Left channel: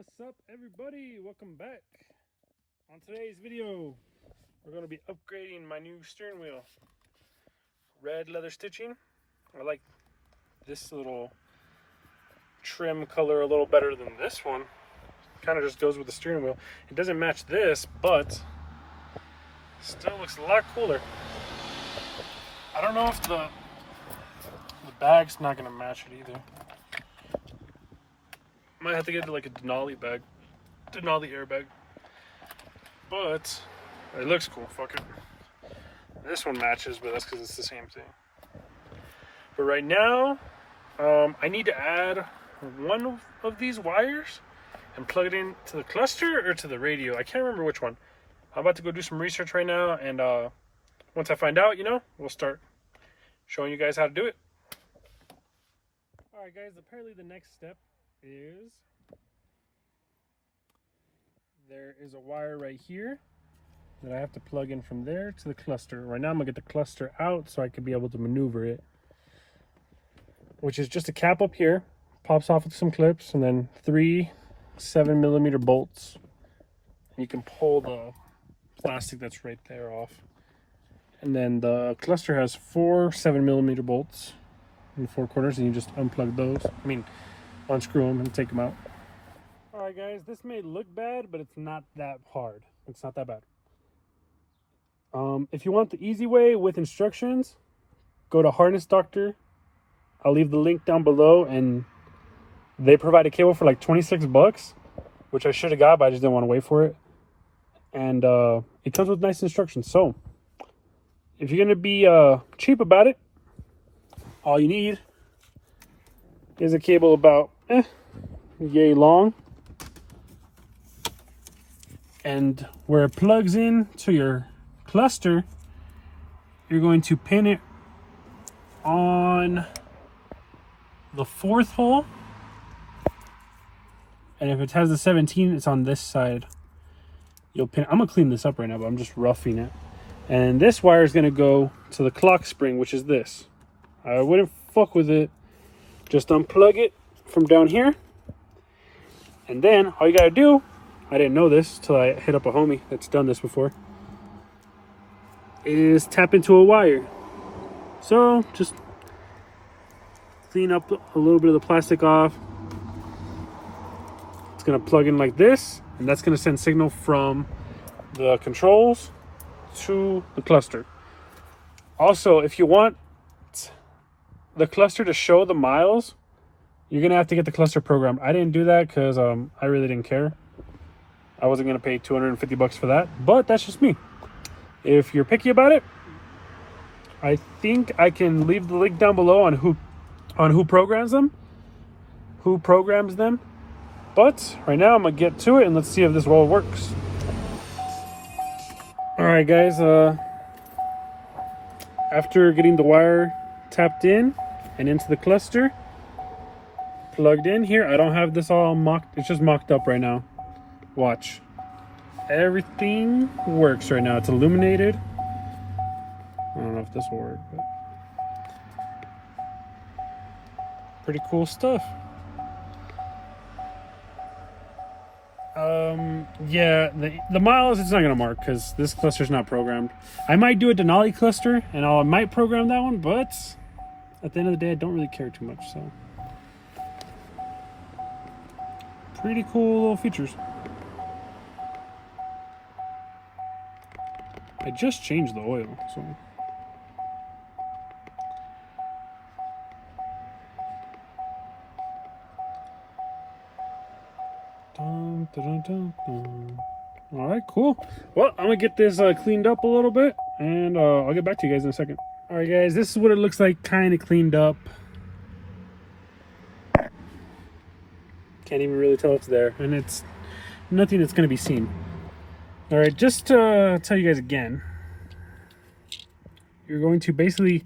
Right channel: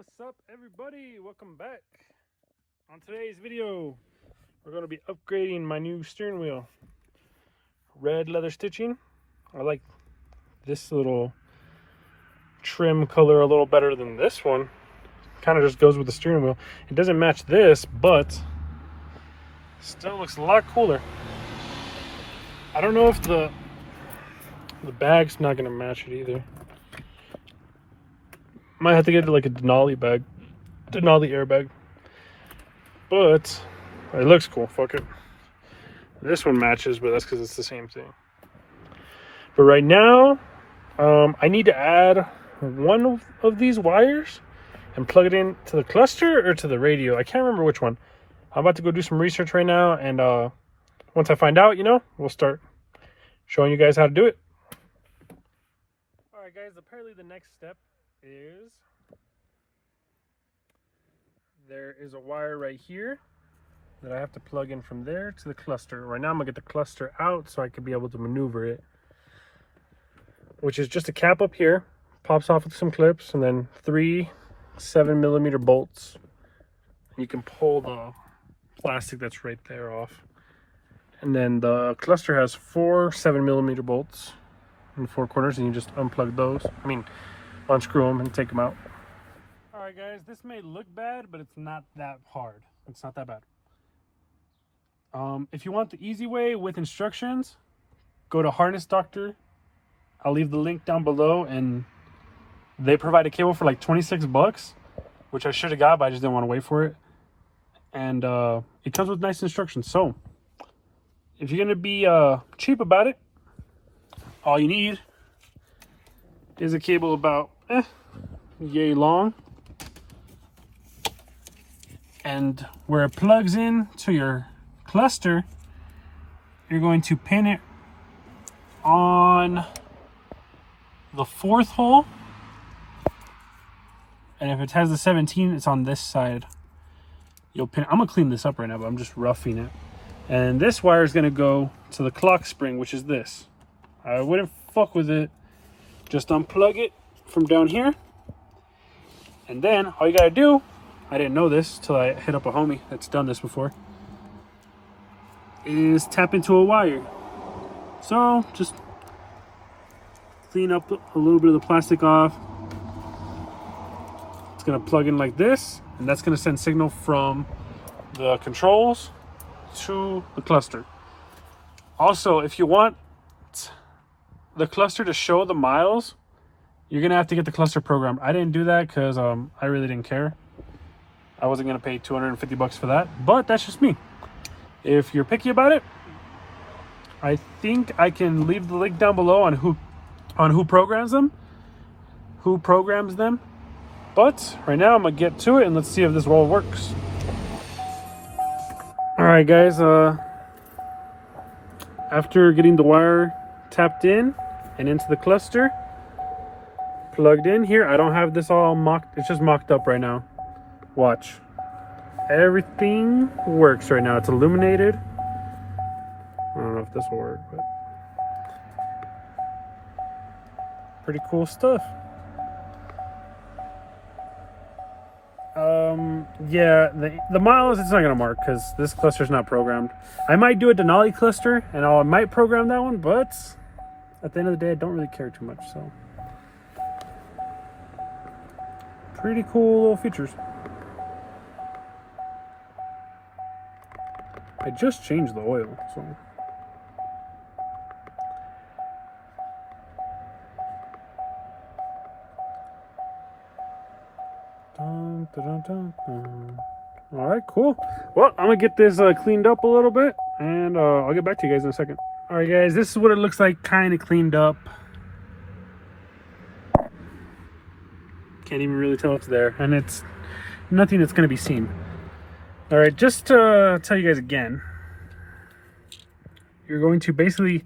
What's up, everybody? Welcome back. On today's video, we're going to be upgrading my new steering wheel. Red leather stitching. I like this little trim color a little better than this one. Kind of just goes with the steering wheel. It doesn't match this, but still looks a lot cooler. I don't know if the bag's not going to match it either. Might have to get like a Denali bag, Denali airbag, but it looks cool. Fuck it. This one matches, but that's because it's the same thing. But right now, I need to add one of these wires and plug it in to the cluster or to the radio. I can't remember which one. I'm about to go do some research right now, and once I find out, we'll start showing you guys how to do it. All right, guys. Apparently, the next step is there is a wire right here that I have to plug in from there to the cluster. Right now I'm gonna get the cluster out so I can be able to maneuver it, which is just a cap up here, pops off with some clips, and then 3 7mm bolts. You can pull the plastic that's right there off, and then the cluster has 4 7mm bolts in the 4 corners, and you just unplug those. Unscrew them and take them out. All right, guys, this may look bad, but it's not that hard. It's not that bad. If you want the easy way with instructions, go to Harness Doctor. I'll leave the link down below, and they provide a cable for like 26 bucks, which I should have got, but I just didn't want to wait for it. And it comes with nice instructions. So if you're gonna be cheap about it, all you need is a cable about yay long, and where it plugs in to your cluster, you're going to pin it on the 4th hole, and if it has the 17, it's on this side. You'll pin. I'm gonna clean this up right now, but I'm just roughing it. And this wire is gonna go to the clock spring, which is this. I wouldn't fuck with it. Just unplug it from down here, and then all you gotta do, I didn't know this till I hit up a homie that's done this before, is tap into a wire. So just clean up a little bit of the plastic off. It's gonna plug in like this, and that's gonna send signal from the controls to the cluster. Also, if you want the cluster to show the miles, you're gonna have to get the cluster program. I didn't do that because I really didn't care. I wasn't gonna pay 250 bucks for that, but that's just me. If you're picky about it, I think I can leave the link down below on who programs them. But right now I'm gonna get to it, and let's see if this all works. All right, guys. After getting the wire tapped in and into the cluster, plugged in here, I don't have this all mocked. It's just mocked up right now. Watch. Everything works right now. It's illuminated. I don't know if this will work, but pretty cool stuff. Yeah, the miles, it's not gonna mark because this cluster's not programmed. I might do a Denali cluster, and I might program that one, but at the end of the day, I don't really care too much. So pretty cool little features. I just changed the oil, so dun, dun, dun, dun. All right, cool. Well, I'm gonna get this cleaned up a little bit, and I'll get back to you guys in a second. All right, guys, this is what it looks like, kind of cleaned up. Can't even really tell it's there, and it's nothing that's gonna be seen. All right, just to tell you guys again, you're going to basically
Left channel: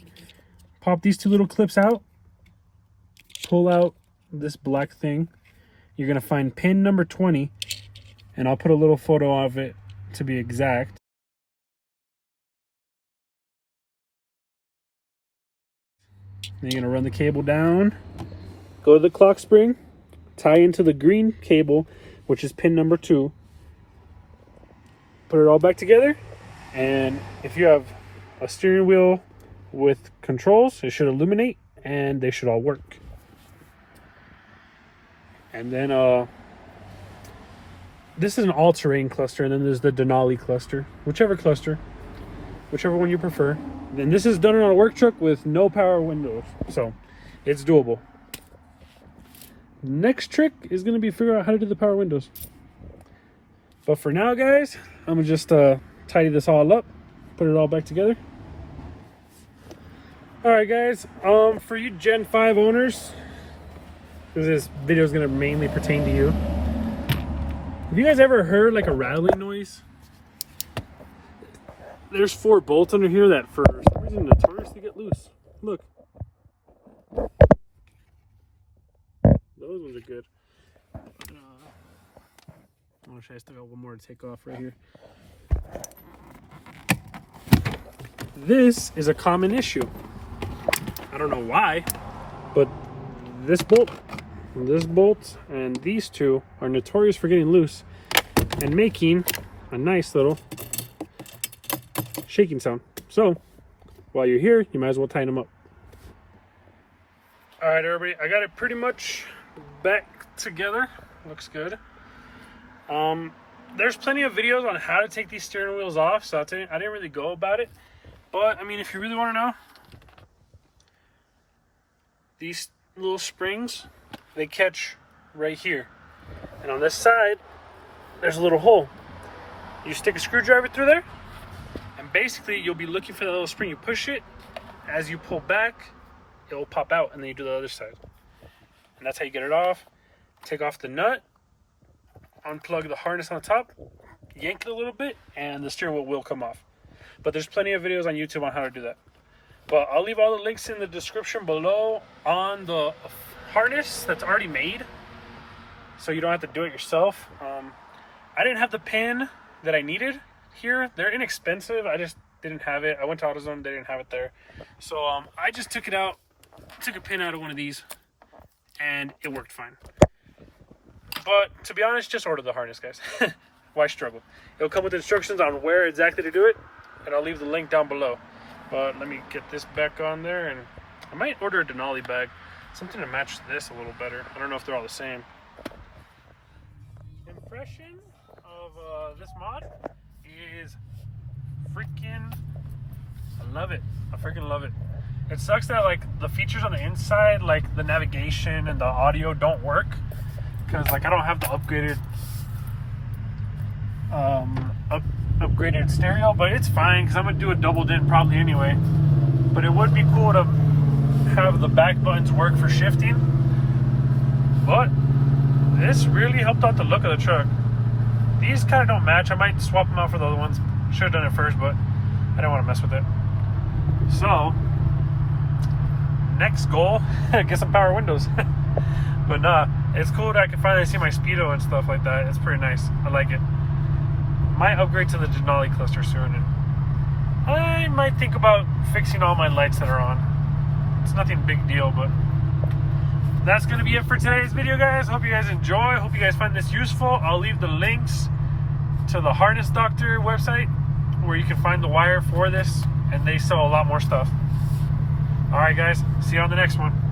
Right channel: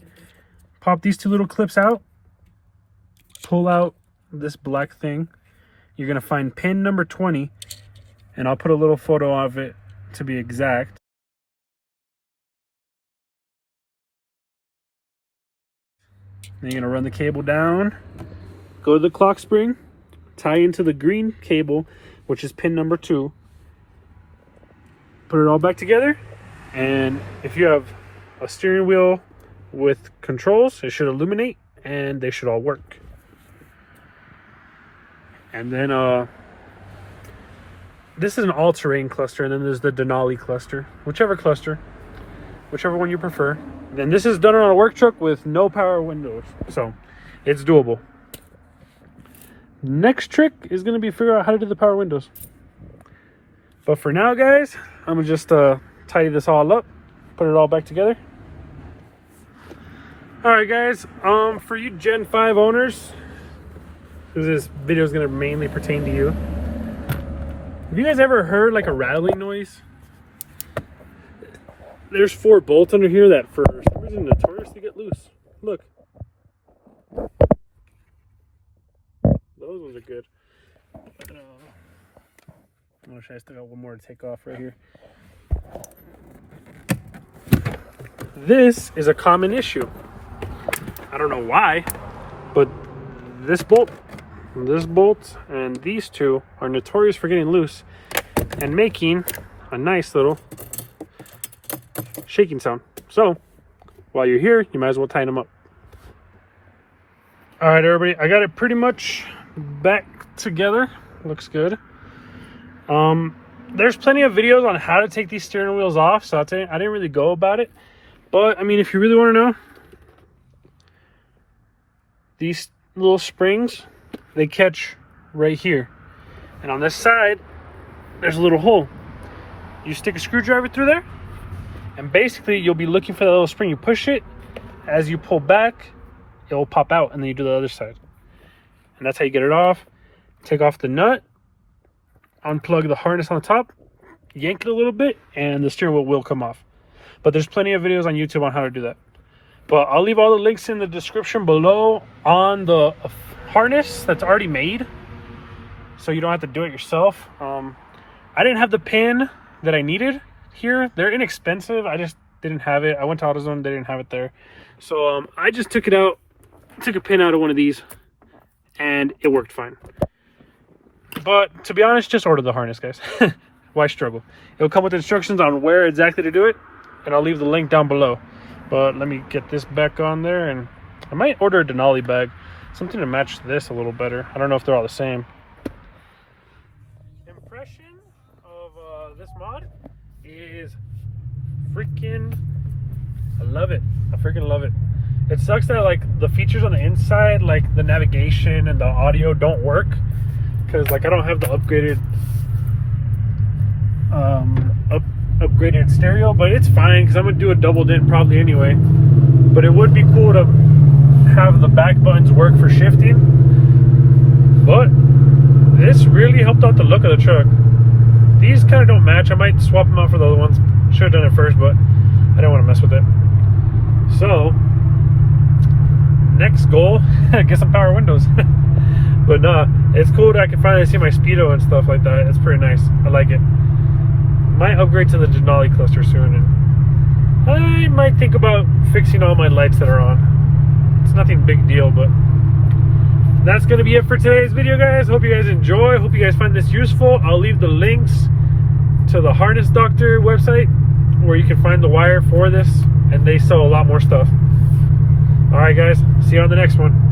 pop these 2 little clips out, pull out this black thing. You're gonna find pin number 20, and I'll put a little photo of it to be exact. Then you're gonna run the cable down, go to the clock spring, tie into the green cable. which is pin number 2. Put it all back together, and if you have a steering wheel with controls, it should illuminate and they should all work. And then this is an all-terrain cluster, and then there's the Denali cluster, whichever one you prefer. Then this is done on a work truck with no power windows, so it's doable. Next trick is going to be figure out how to do the power windows. But for now, guys, I'm gonna just tidy this all up, put it all back together. All right, guys, for you Gen 5 owners, because this video is gonna mainly pertain to you, have you guys ever heard like a rattling noise? There's 4 bolts under here that for some reason notoriously get loose. Look. Those ones are good. I'm sure I still got one more to take off right here. This is a common issue. I don't know why, but this bolt, and these 2 are notorious for getting loose and making a nice little shaking sound. So while you're here, you might as well tighten them up. All right, everybody, I got it pretty much back together. Looks good. There's plenty of videos on how to take these steering wheels off, so I didn't really go about it. But I mean, if you really want to know, these little springs, they catch right here, and on this side there's a little hole. You stick a screwdriver through there, and basically you'll be looking for the little spring. You push it, as you pull back, it will pop out, and then you do the other side, and that's how you get it off. Take off the nut, unplug the harness on the top, yank it a little bit, and the steering wheel will come off. But there's plenty of videos on YouTube on how to do that. But I'll leave all the links in the description below on the harness that's already made, so you don't have to do it yourself. I didn't have the pin that I needed here. They're inexpensive. I just didn't have it. I went to AutoZone, they didn't have it there. So I just took it out, took a pin out of one of these, and it worked fine. But to be honest, just order the harness, guys. Why struggle? It'll come with instructions on where exactly to do it, and I'll leave the link down below. But let me get this back on there, and I might order a Denali bag, something to match this a little better. I don't know if they're all the same. Impression of this mod is freaking, I love it. I freaking love it. It sucks that like the features on the inside, like the navigation and the audio, don't work, because like I don't have the upgraded upgraded stereo, but it's fine because I'm gonna do a double dent probably anyway. But it would be cool to have the back buttons work for shifting. But this really helped out the look of the truck. These kind of don't match. I might swap them out for the other ones. Should have done it first, but I didn't want to mess with it. So next goal, get some power windows. But nah, it's cool that I can finally see my speedo and stuff like that. It's pretty nice. I like it. Might upgrade to the Denali cluster soon, and I might think about fixing all my lights that are on. It's nothing big deal, but that's gonna be it for today's video, guys. Hope you guys enjoy. Hope you guys find this useful. I'll leave the links to the Harness Doctor website where you can find the wire for this, and they sell a lot more stuff. All right, guys, see you on the next one.